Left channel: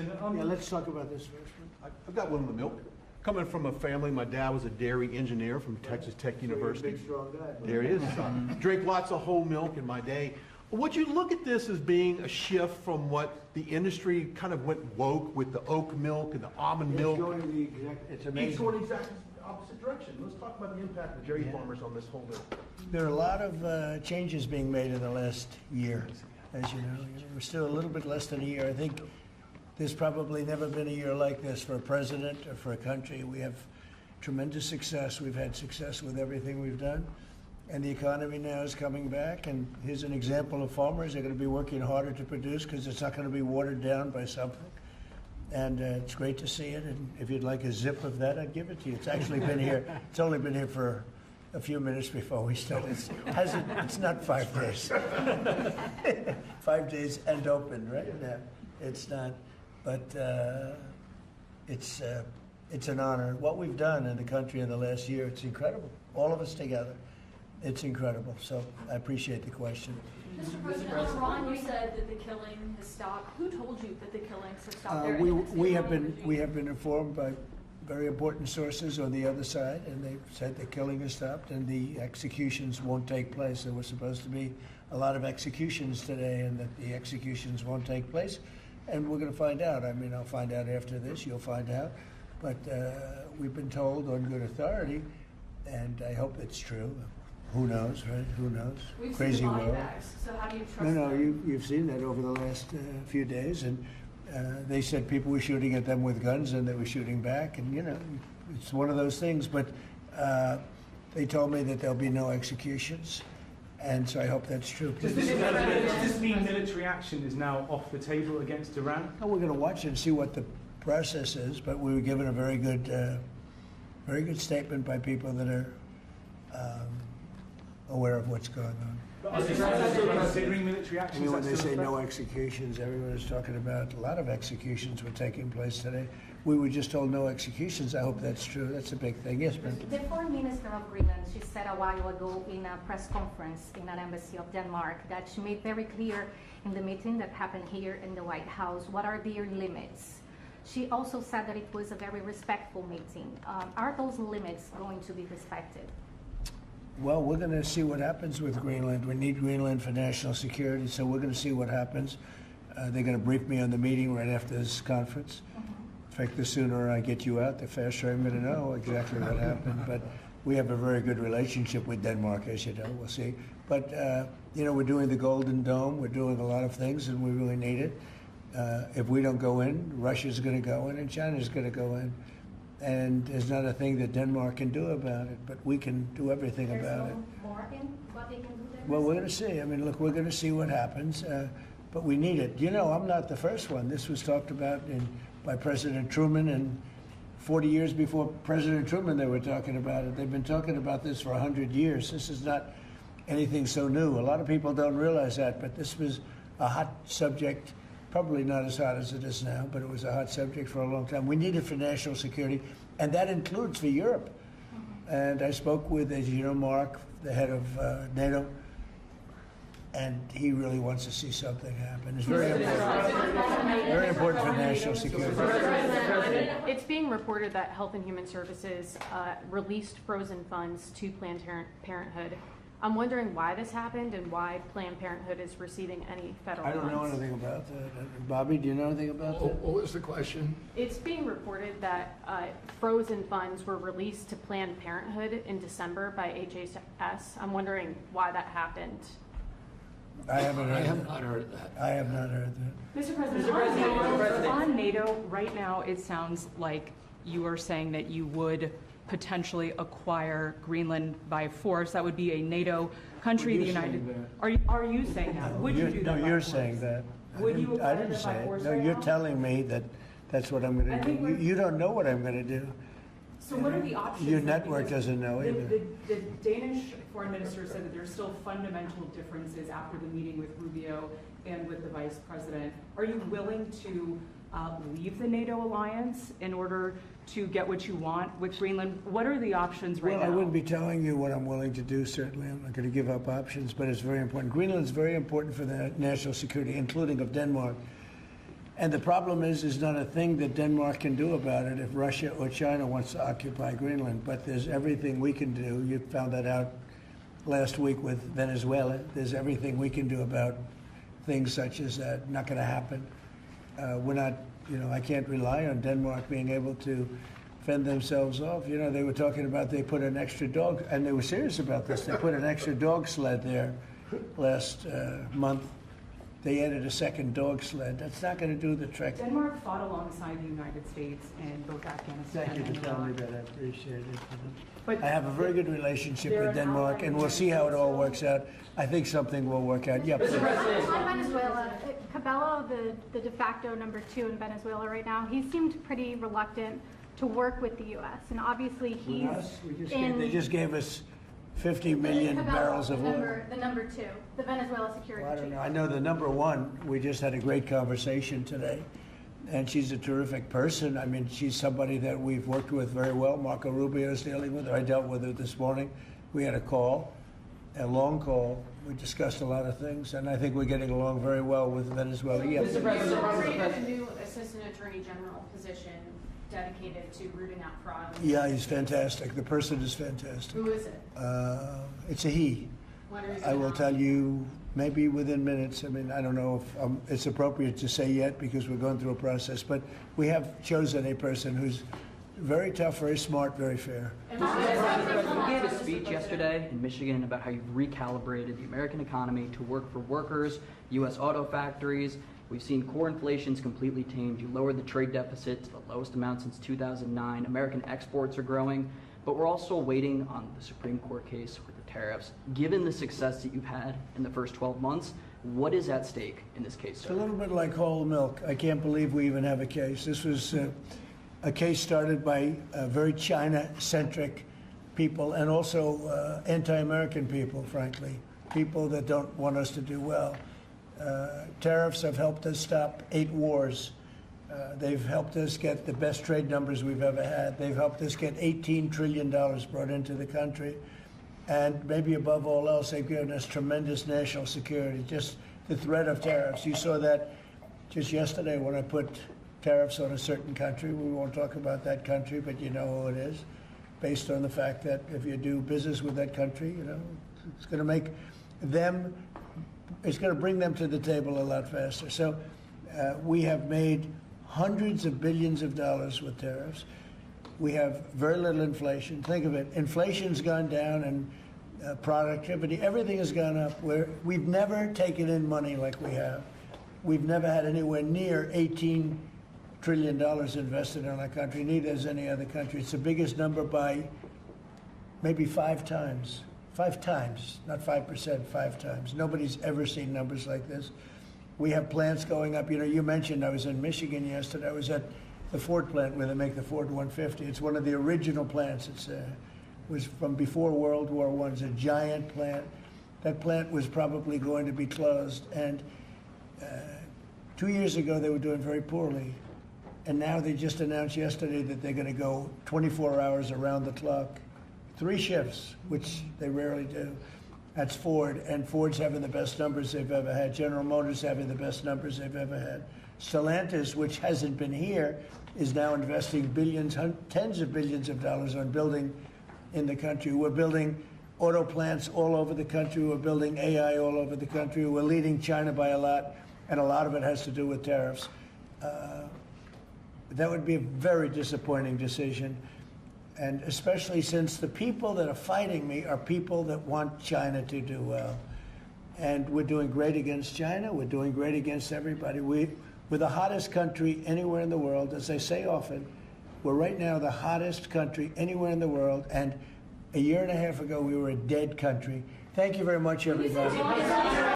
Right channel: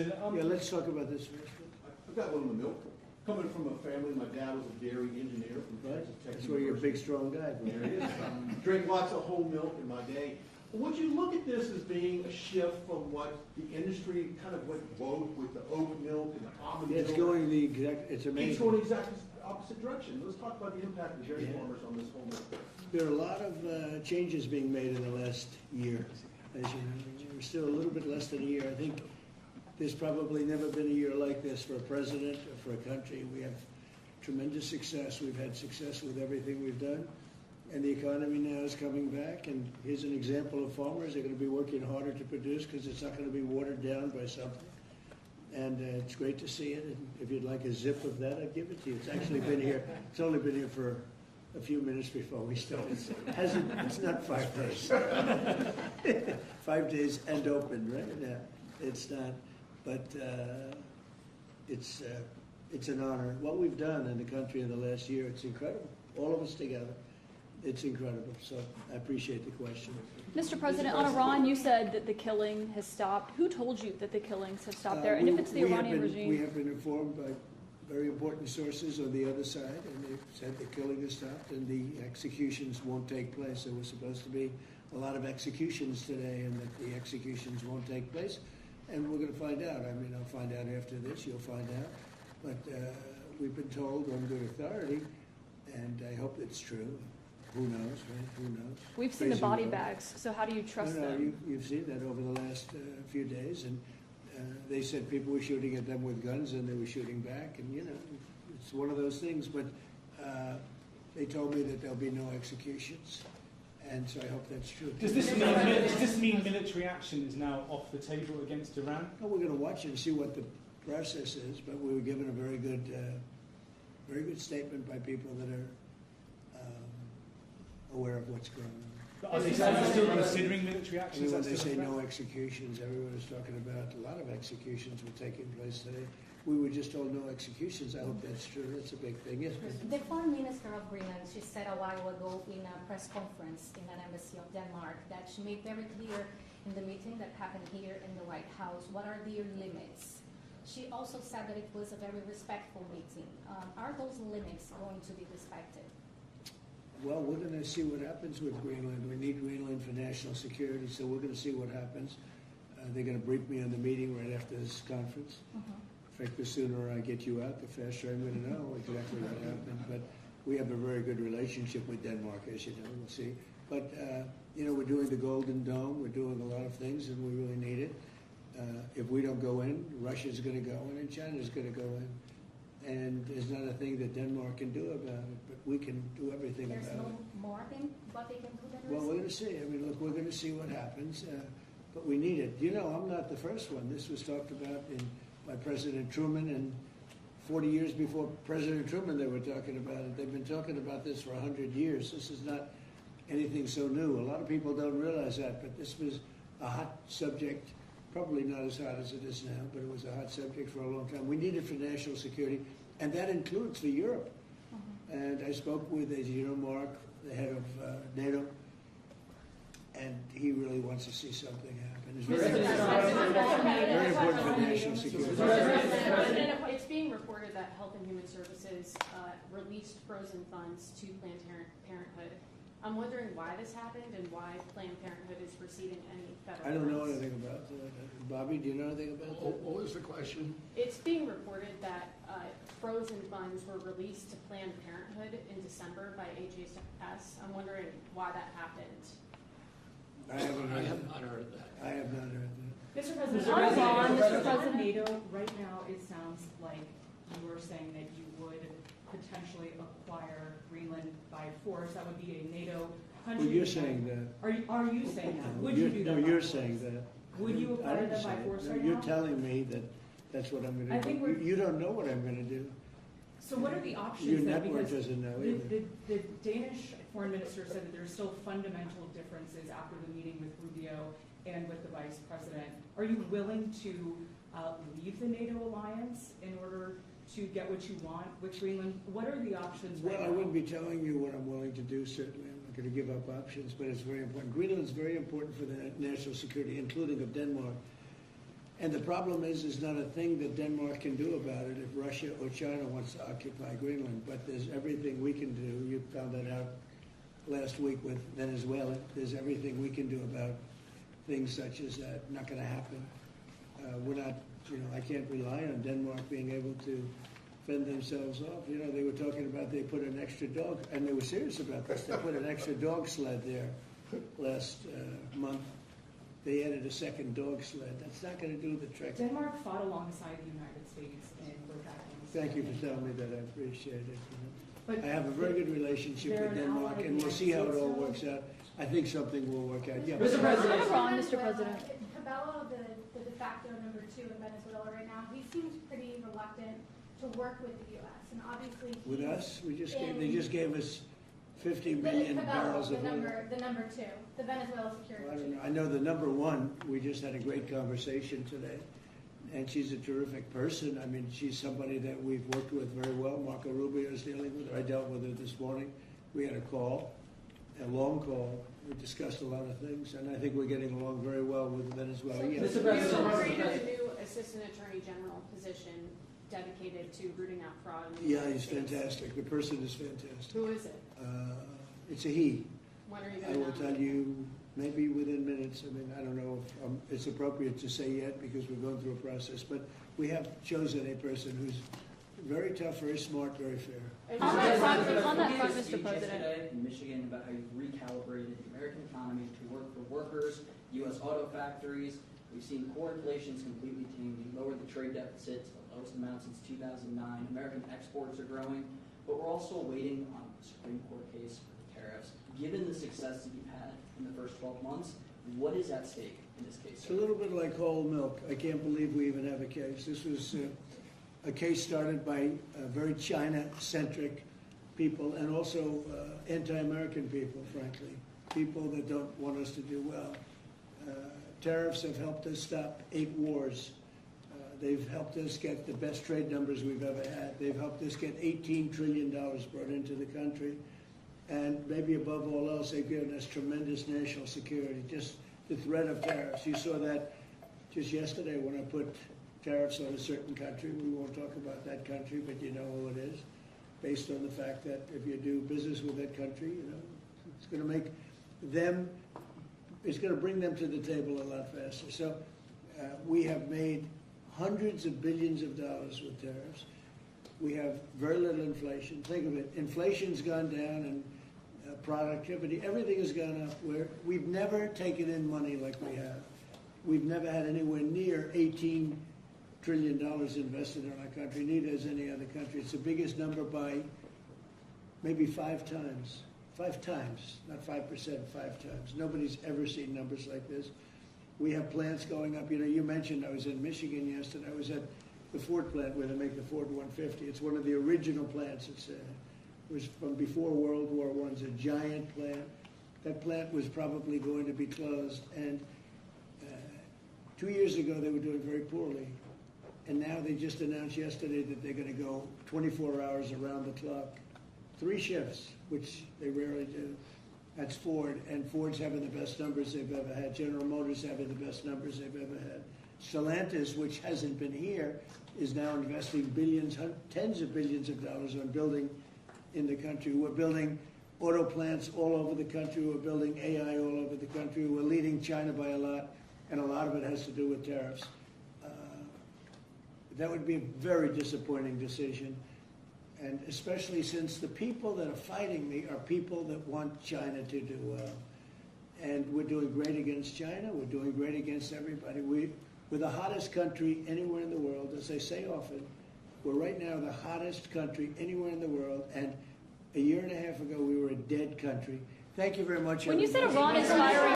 Yeah, let's talk about this first. I've got one with milk. Coming from a family, my dad was a dairy engineer from Texas Tech So you're a University. big, strong guy. There it is. Drink lots of whole milk in my day. Would you look at this as being a shift from what the industry kind of went woke with the oat milk and the almond It's milk? going the exact, it's Each amazing. going exactly the opposite direction. Let's talk about the impact of dairy farmers on this whole milk. There are a lot of changes being made in the last year, as you know. We're still a little bit less than a year. I think there's probably never been a year like this for a president or for a country. We have tremendous success. We've had success with everything we've done. And the economy now is coming back. And here's an example of farmers. They're going to be working harder to produce because it's not going to be watered down by something. And it's great to see it. And if you'd like a zip of that, I'd give it to you. It's actually been here. It's only been here for a few minutes before we started. It's not 5 days. 5 days and open, right? No, it's not. But it's an honor. What we've done in the country in the last year, it's incredible. All of us together. It's incredible. So I appreciate the question. Mr. President, on Iran, you said that the killing has stopped. Who told you that the killings have stopped there? And if it's the Iranian regime? We have been informed by very important sources on the other side, and they've said the killing has stopped and the executions won't take place. There was supposed to be a lot of executions today, and that the executions won't take place. And we're going to find out. I mean, I'll find out after this. You'll find out. But we've been told on good authority, and I hope it's true. Who knows, right? Who knows? We've seen the body bags, so how do you trust No, them? you've seen that over the last few days, and they said people were shooting at them with guns, and they were shooting back, and you know, it's one of those things. But they told me that there'll be no executions, and so I hope that's true. Does this mean military action is now off the table against Iran? Oh, we're going to watch it and see what the process is, but we were given a very good statement by people that are aware of what's going on. Is that still considering military action? When Is they that still say no executions, everyone is talking about a lot of executions were taking place today. We were just told no executions. I hope that's true. That's a big thing. Yes, but The foreign minister of Greenland, she said a while ago in a press conference in an embassy of Denmark that she made very clear in the meeting that happened here in the White House what are their limits. She also said that it was a very respectful meeting. Are those limits going to be respected? well, we're going to see what happens with Greenland. We need Greenland for national security, so we're going to see what happens. They're going to brief me on the meeting right after this conference. In fact, the sooner I get you out, the faster I'm going to know exactly what happened. But we have a very good relationship with Denmark, as you know. We'll see. But, you know, we're doing the Golden Dome. We're doing a lot of things, and we really need it. If we don't go in, Russia's going to go in, and China's going to go in. And there's not a thing that Denmark can do about it, but we can do everything about it. There's no more in what they can do there? Well, we're going to see. I mean, look, we're going to see what happens, but we need it. You know, I'm not the first one. This was talked about by President Truman, and 40 years before President Truman, they were talking about it. They've been talking about this for 100 years. This is not anything so new. A lot of people don't realize that, but this was a hot subject. Probably not as hot as it is now, but it was a hot subject for a long time. We need it for national security, and that includes for Europe. And I spoke with, as you know, Mark, the head of NATO, and he really wants to see something happen. It's very important for national security. It's being reported that Health and Human Services released frozen funds to Planned Parenthood. I'm wondering why this happened and why Planned Parenthood is receiving any federal funds. I don't know anything about that. Bobby, do you know anything about that? What was the question? It's being reported that frozen funds were released to Planned Parenthood in December by HHS. I'm wondering why that happened. I haven't heard not heard that. I have not heard that. Mr. President, on NATO, right now it sounds like you are saying that you would potentially acquire Greenland by force. That would be a NATO country. Well, you're saying that. Are you saying that? Would you do that? No, by you're force? saying that. Would you I acquire didn't that say by it. force No, right you're now? telling me that that's what I'm going to do. You don't know what I'm going to do. So what are the options? Your then? network Because doesn't know the, either. the Danish foreign minister said that there's still fundamental differences after the meeting with Rubio and with the vice president. Are you willing to leave the NATO alliance in order to get what you want with Greenland? What are the options right now? Well, I wouldn't be telling you what I'm willing to do, certainly. I'm not going to give up options, but it's very important. Greenland's very important for the national security, including of Denmark. And the problem is, there's not a thing that Denmark can do about it if Russia or China wants to occupy Greenland. But there's everything we can do. You found that out last week with Venezuela. There's everything we can do about things such as that. Not going to happen. We're not, I can't rely on Denmark being able to fend themselves off. They were talking about they put an extra dog, and they were serious about this. They put an extra dog sled there last month. They added a second dog sled. That's not going to do the trick. Denmark fought alongside the United States in both Afghanistan Thank you and for telling me Iraq. that. I appreciate it. But I have a very good relationship they're with an Denmark, ally and of we'll the see how it United all States. works out. I think something will work out. Yeah. Venezuela, Cabello, the de facto number 2 in Venezuela right now, he seemed pretty reluctant to work with the U.S. And obviously he's With us, in they just gave us 50 million Cabello, barrels of oil. the number 2, the Venezuela security Well, I don't chief. know. I know the number 1. We just had a great conversation today, and she's a terrific person. I mean, she's somebody that we've worked with very well. Marco Rubio is dealing with her. I dealt with her this morning. We had a call, a long call. We discussed a lot of things, and I think we're getting along very well with Venezuela. Yeah. You created a new Assistant Attorney General position dedicated to rooting out fraud. Yeah, he's fantastic. The person is fantastic. Who is it? It's a he. When are you I gonna will announce tell you maybe within minutes. I mean, I don't know if it's appropriate to say yet because we're going through a process, but we have chosen a person who's very tough, very smart, very fair. You gave a speech yesterday in Michigan about how you've recalibrated the American economy to work for workers, U.S. auto factories. We've seen core inflation's completely tamed. You lowered the trade deficit to the lowest amount since 2009. American exports are growing, but we're also waiting on the Supreme Court case with the tariffs. Given the success that you've had in the first 12 months, what is at stake in this case, It's sir? a little bit like whole milk. I can't believe we even have a case. This was a case started by very China-centric people and also anti-American people, frankly, people that don't want us to do well. Tariffs have helped us stop 8 wars. They've helped us get the best trade numbers we've ever had. They've helped us get $18 trillion brought into the country. And maybe above all else, they've given us tremendous national security. Just the threat of tariffs. You saw that just yesterday when I put tariffs on a certain country. We won't talk about that country, but you know who it is, based on the fact that if you do business with that country, it's going to make them, it's going to bring them to the table a lot faster. So we have made hundreds of billions of dollars with tariffs. We have very little inflation. Think of it. Inflation's gone down and productivity, everything has gone up. We've never taken in money like we have. We've never had anywhere near $18 trillion invested in our country, neither has any other country. It's the biggest number by maybe 5 times. 5 times, not 5%, 5 times. Nobody's ever seen numbers like this. We have plants going up. You mentioned I was in Michigan yesterday. I was at the Ford plant where they make the Ford 150. It's one of the original plants. It was from before World War I. It's a giant plant. That plant was probably going to be closed. And 2 years ago, they were doing very poorly. And now they just announced yesterday that they're going to go 24 hours around the clock. 3 shifts, which they rarely do. That's Ford, and Ford's having the best numbers they've ever had. General Motors having the best numbers they've ever had. Stellantis, which hasn't been here, is now investing billions, tens of billions of dollars on building in the country. We're building auto plants all over the country. We're building AI all over the country. We're leading China by a lot, and a lot of it has to do with tariffs. That would be a very disappointing decision, and especially since the people that are fighting me are people that want China to do well. And we're doing great against China. We're doing great against everybody. We're the hottest country anywhere in the world. As I say often, we're right now the hottest country anywhere in the world, and a year and a half ago we were a dead country. Thank you very much, everybody.